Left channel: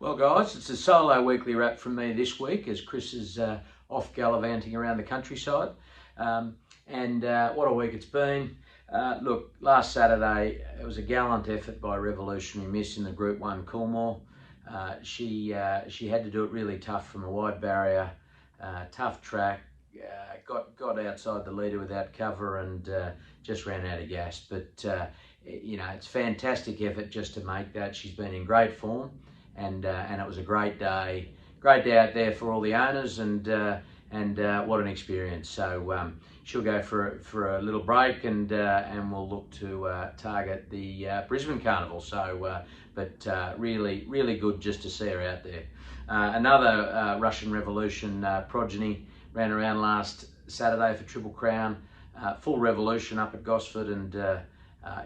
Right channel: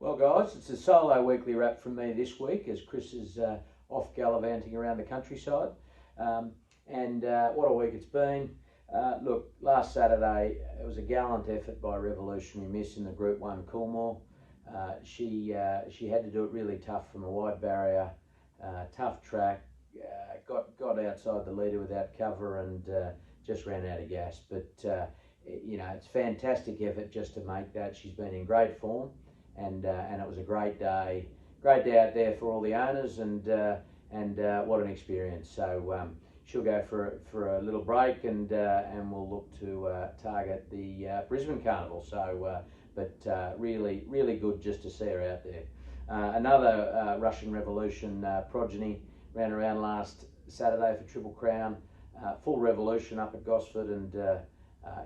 Well, guys, it's a solo weekly wrap from me this week as Chris is off gallivanting around the countryside. What a week it's been. Look, last Saturday it was a gallant effort by Revolutionary Miss in the Group 1 Coolmore. She had to do it really tough from a wide barrier, tough track, got outside the leader without cover and just ran out of gas. But, you know, it's fantastic effort just to make that. She's been in great form. And it was a great day out there for all the owners, and what an experience. So she'll go for a little break, and we'll look to target the Brisbane Carnival. So, really good just to see her out there. Another Russian Revolution progeny ran around last Saturday for Triple Crown, full revolution up at Gosford, and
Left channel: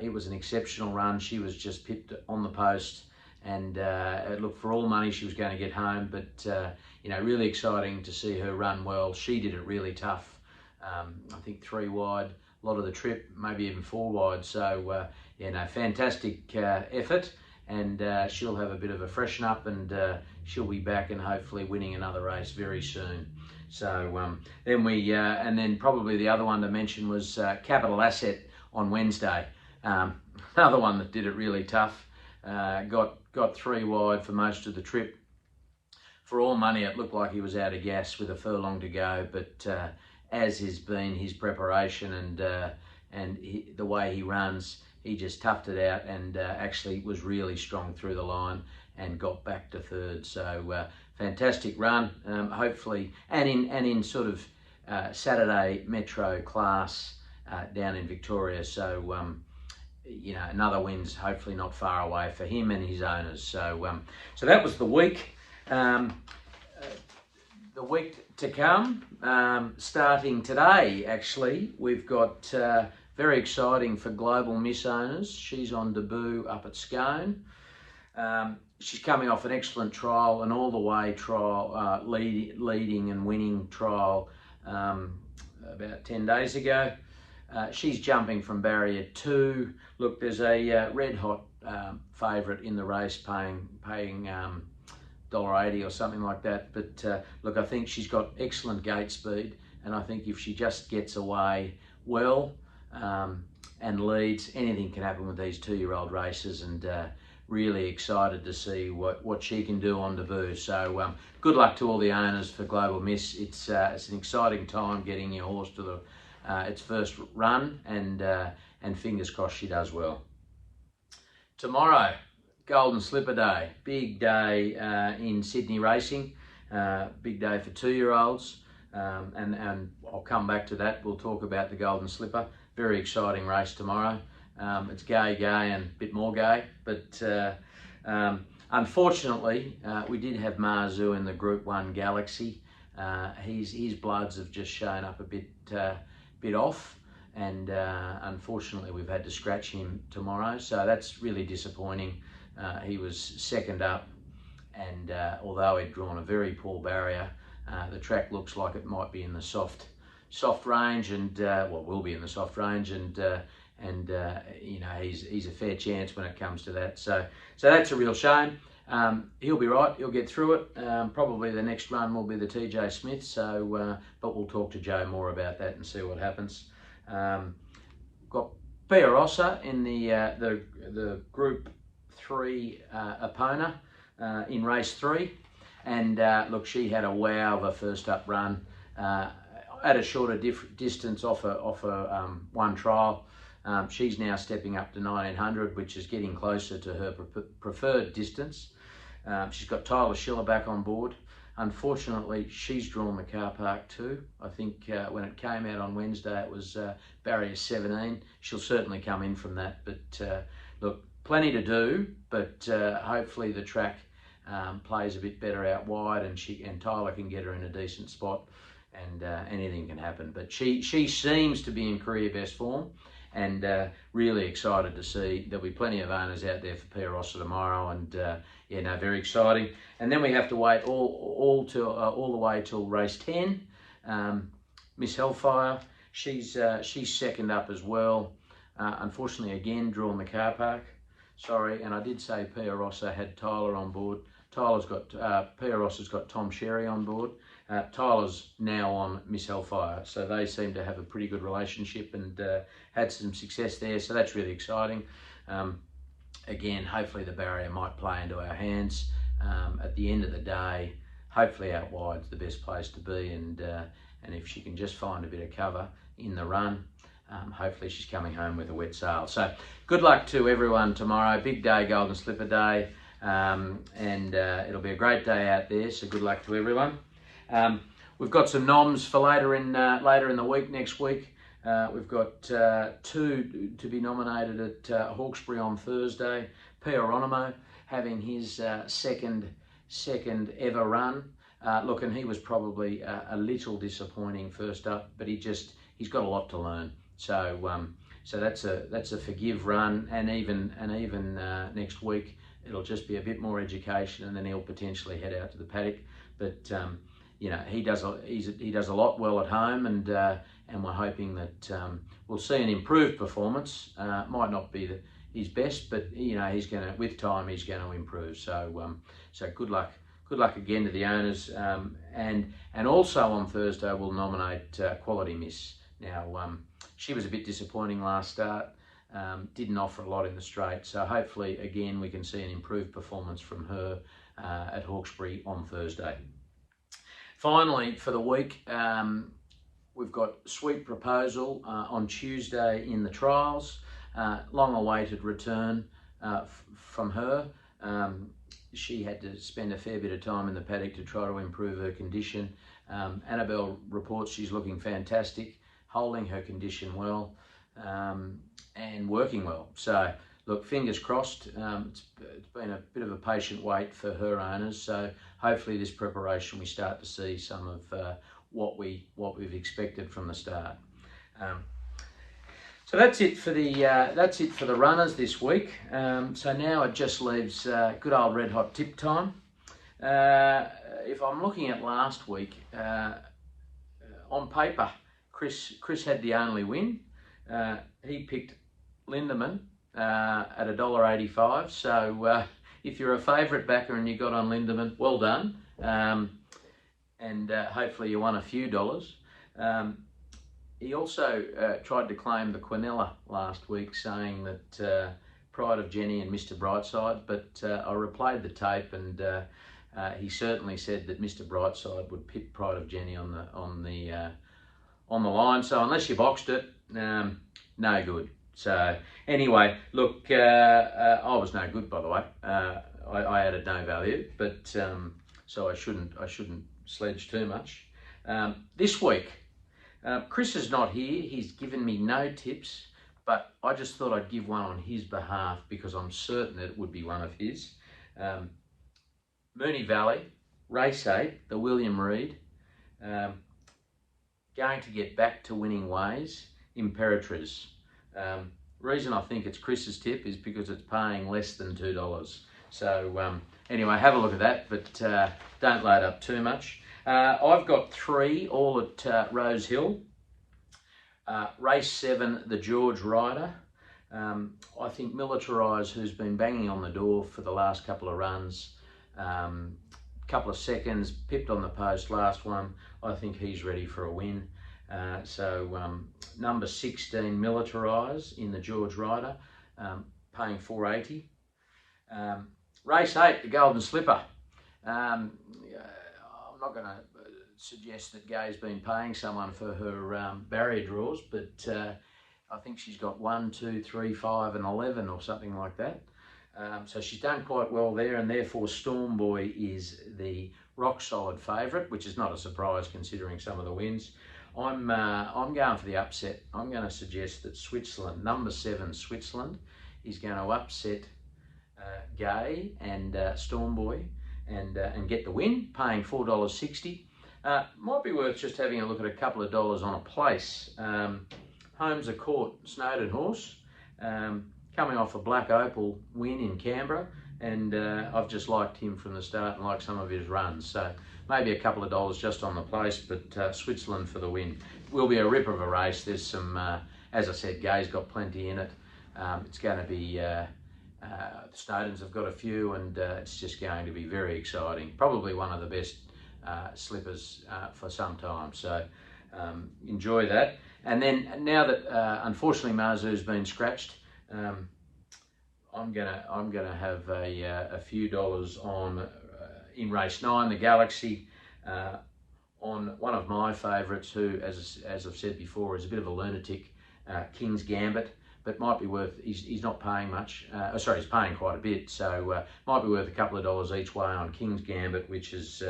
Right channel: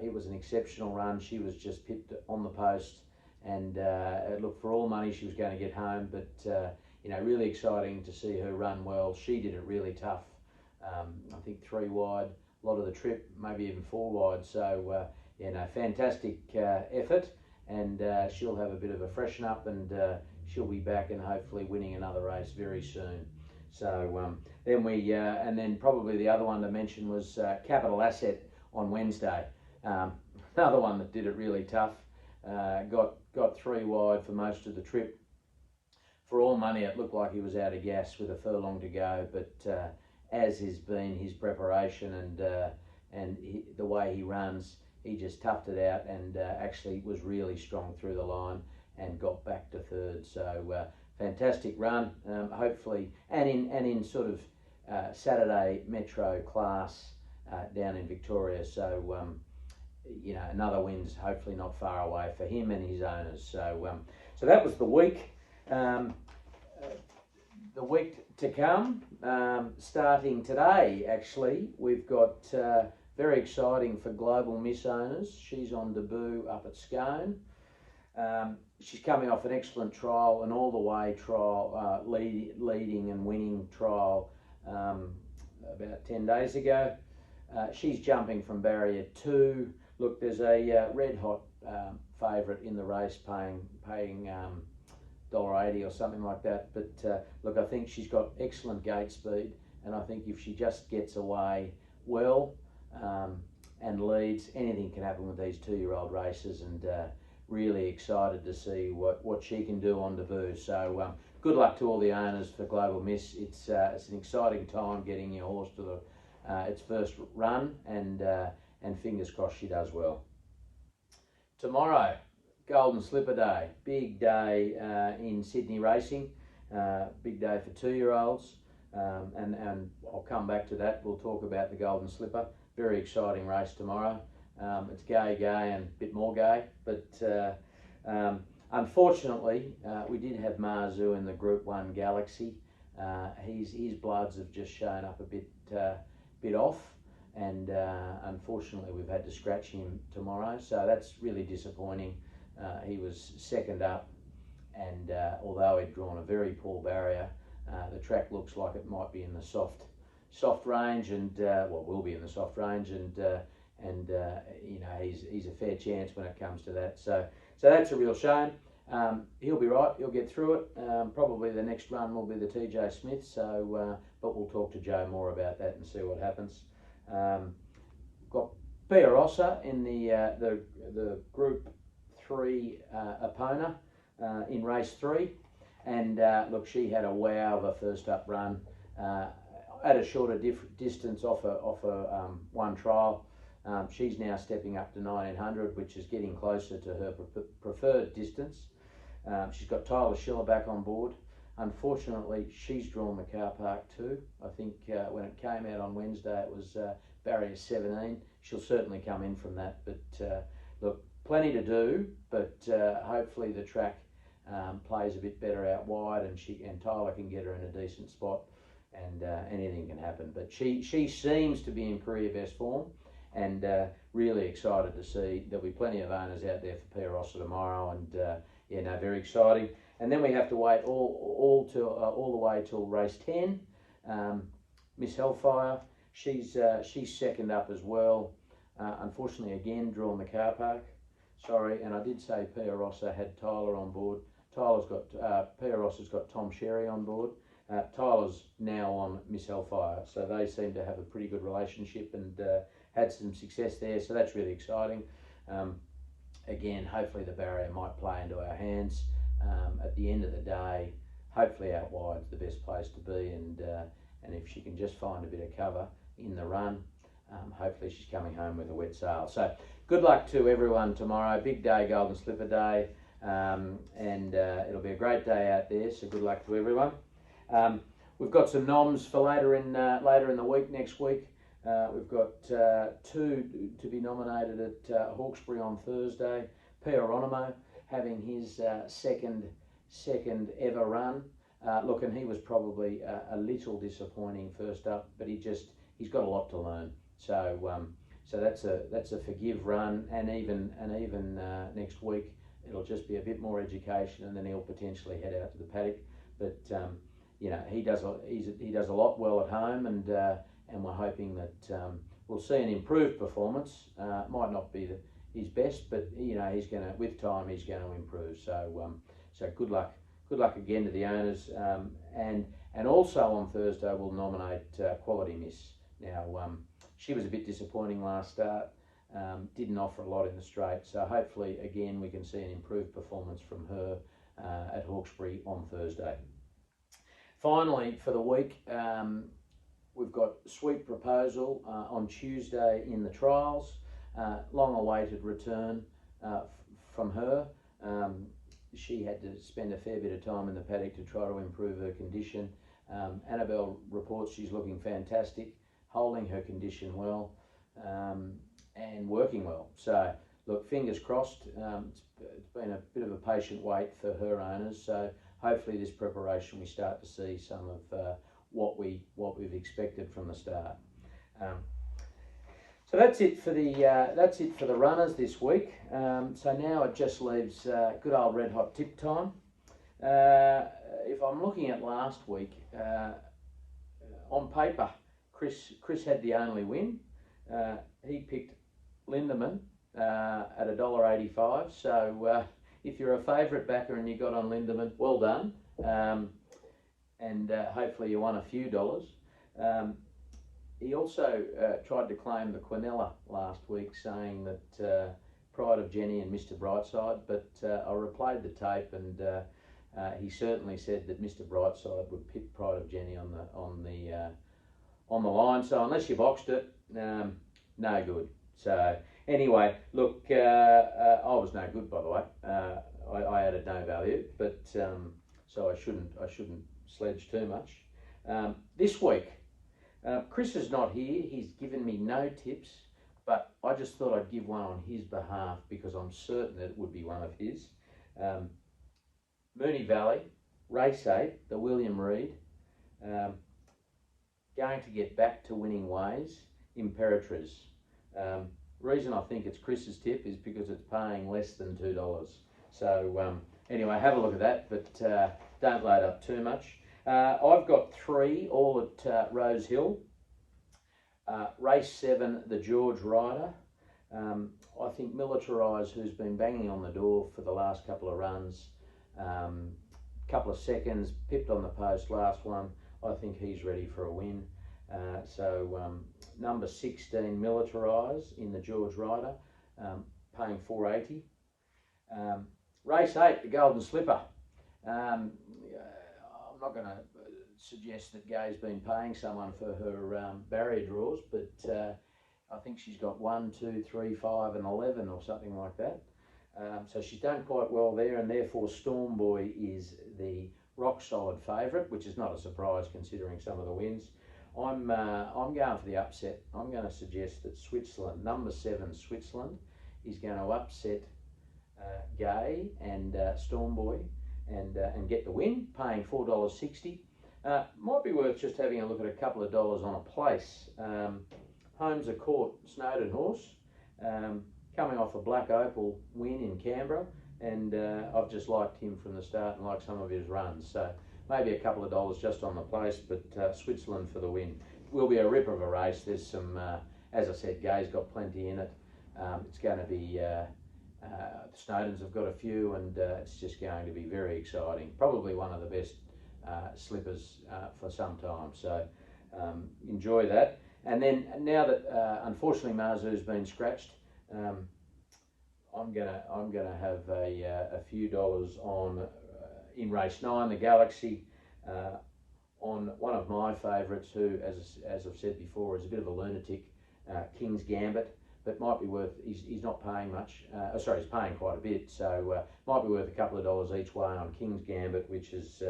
it was an exceptional run. She was just pipped on the post. And look, for all money she was going to get home, but you know, really exciting to see her run well. She did it really tough. I think 3 wide, a lot of the trip, maybe even 4 wide. So you know, fantastic effort, and she'll have a bit of a freshen up, and she'll be back and hopefully winning another race very soon. So then probably the other one to mention was Capital Asset on Wednesday. Another one that did it really tough. Got 3 wide for most of the trip. For all money, it looked like he was out of gas with a furlong to go, but as has been his preparation and the way he runs, he just toughed it out and actually was really strong through the line and got back to 3rd. So fantastic run, hopefully, and in sort of Saturday Metro class down in Victoria. So you know, another win's hopefully not far away for him and his owners. So that was the week. The week to come, starting today, actually, we've got very exciting for Global Miss owners. She's on debut up at Scone. She's coming off an excellent trial, an all-the-way trial, leading and winning trial about 10 days ago. She's jumping from barrier 2. Look, there's a red hot favourite in the race paying $1.80 or something like that. But look, I think she's got excellent gate speed, and I think if she just gets away well and leads, anything can happen with these 2-year-old races, and really excited to see what she can do on debut. So good luck to all the owners for Global Miss. It's an exciting time getting your horse to its first run, and fingers crossed she does well. Tomorrow, Golden Slipper Day, big day in Sydney racing, big day for 2-year-olds, and I'll come back to that. We'll talk about the Golden Slipper. Very exciting race tomorrow. It's gay and a bit more gay, but unfortunately we did have Mazu in the Group 1 Galaxy. His bloods have just shown up a bit off, and unfortunately we've had to scratch him tomorrow, so that's really disappointing. He was 2nd up, and although he'd drawn a very poor barrier, the track looks like it might be in the soft range, and will be in the soft range, and you know, he's a fair chance when it comes to that. So that's a real shame. He'll be right. He'll get through it. Probably the next run will be the TJ Smith. So, but we'll talk to Joe more about that and see what happens. Got Pia Rossa in the Group 3 Epona in race 3, and look, she had a wow of a first up run at a shorter distance off a 1 trial. She's now stepping up to 1900, which is getting closer to her preferred distance. She's got Tyler Schiller back on board. Unfortunately, she's drawn the car park too. I think when it came out on Wednesday, it was barrier 17. She'll certainly come in from that. But look, plenty to do. But hopefully the track plays a bit better out wide, and Tyler can get her in a decent spot, and anything can happen. But she seems to be in career best form, and really excited to see. There'll be plenty of owners out there for Pia Rossa tomorrow, and yeah, no, very exciting. And then we have to wait all the way till race 10. Miss Hellfire, she's 2nd up as well. Unfortunately, again, drawn the car park. Sorry, and I did say Pia Rossa had Tyler on board. Pieros has got Tom Sherry on board. Tyler's now on Miss Hellfire, so they seem to have a pretty good relationship and had some success there, so that's really exciting. Again, hopefully the barrier might play into our hands. At the end of the day, hopefully out wide's the best place to be, and if she can just find a bit of cover in the run, hopefully she's coming home with a wet sail. So good luck to everyone tomorrow. Big day, Golden Slipper Day, and it'll be a great day out there, so good luck to everyone. We've got some noms for later in the week, next week. We've got 2 to be nominated at Hawkesbury on Thursday. Pieronimo having his second ever run. Look, and he was probably a little disappointing first up, but he's got a lot to learn. So that's a forgive run, and even next week it'll just be a bit more education, and then he'll potentially head out to the paddock. But you know, he does a lot well at home, and we're hoping that we'll see an improved performance. Might not be his best, but you know, with time he's going to improve. So good luck again to the owners, and also on Thursday we'll nominate Quality Miss. Now she was a bit disappointing last start, didn't offer a lot in the straight, so hopefully again we can see an improved performance from her at Hawkesbury on Thursday. Finally, for the week, we've got Sweet Proposal on Tuesday in the trials. Long-awaited return from her. She had to spend a fair bit of time in the paddock to try to improve her condition. Annabelle reports she's looking fantastic, holding her condition well, and working well. So, look, fingers crossed. It's been a bit of a patient wait for her owners, so hopefully this preparation we start to see some of what we've expected from the start. So that's it for the runners this week. So now it just leaves good old red hot tip time. If I'm looking at last week, on paper, Chris had the only win. He picked Lindemann at $1.85. So if you're a favourite backer and you got on Lindemann, well done. And hopefully you won a few dollars. He also tried to claim the Quinella last week, saying that Pride of Jenny and Mr. Brightside, but I replayed the tape, and he certainly said that Mr. Brightside would pick Pride of Jenny on the line. So unless you boxed it, no good. So anyway, look, I was no good, by the way. I added no value, but so I shouldn't sledge too much. This week, Chris is not here. He's given me no tips, but I just thought I'd give one on his behalf because I'm certain that it would be one of his. Moonee Valley, race 8, the William Reid, going to get back to winning ways, Imperatriz. Reason I think it's Chris's tip is because it's paying less than $2. So anyway, have a look at that, but don't load up too much. I've got 3 all at Rose Hill. Race 7, the George Rider. I think Militarise, who's been banging on the door for the last couple of runs, couple of seconds, pipped on the post last one. I think he's ready for a win. So number 16, Militarise in the George Rider, paying $4.80. Race 8, the Golden Slipper. I'm not going to suggest that Gay's been paying someone for her barrier draws, but I think she's got 1, 2, 3, 5 and 11 or something like that. So she's done quite well there, and therefore Storm Boy is the rock solid favourite, which is not a surprise considering some of the wins. I'm going for the upset. I'm going to suggest that Switzerland, number 7 Switzerland, is going to upset Gay and Storm Boy and get the win, paying $4.60. Might be worth just having a look at a couple of dollars on a place. Holmes a Court, Snowden horse, coming off a Black Opal win in Canberra, and I've just liked him from the start and like some of his runs. So maybe a couple of dollars just on the place, but Switzerland for the win. Will be a rip of a race. There's some, as I said, Gay's got plenty in it. It's going to be Snowdens have got a few, and it's just going to be very exciting. Probably one of the best slippers for some time. So enjoy that. And then now that unfortunately Mazu's been scratched, I'm gonna have a few dollars on in race 9, the Galaxy. On one of my favourites, who, as I've said before, is a bit of a lunatic, King's Gambit, but might be worth, he's not paying much, sorry, he's paying quite a bit, so might be worth a couple of dollars each way on King's Gambit, which is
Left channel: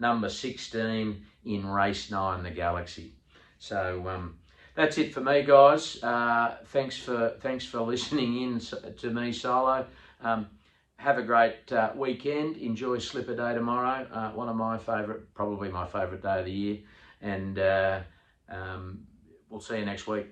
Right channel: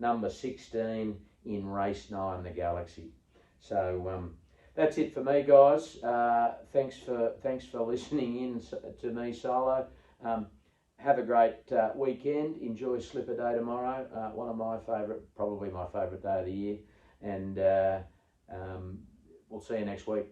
number 16 in race 9, the Galaxy. So that's it for me, guys. Thanks for listening in to me solo. Have a great weekend. Enjoy Slipper Day tomorrow. One of my favourite, probably my favourite day of the year. And we'll see you next week.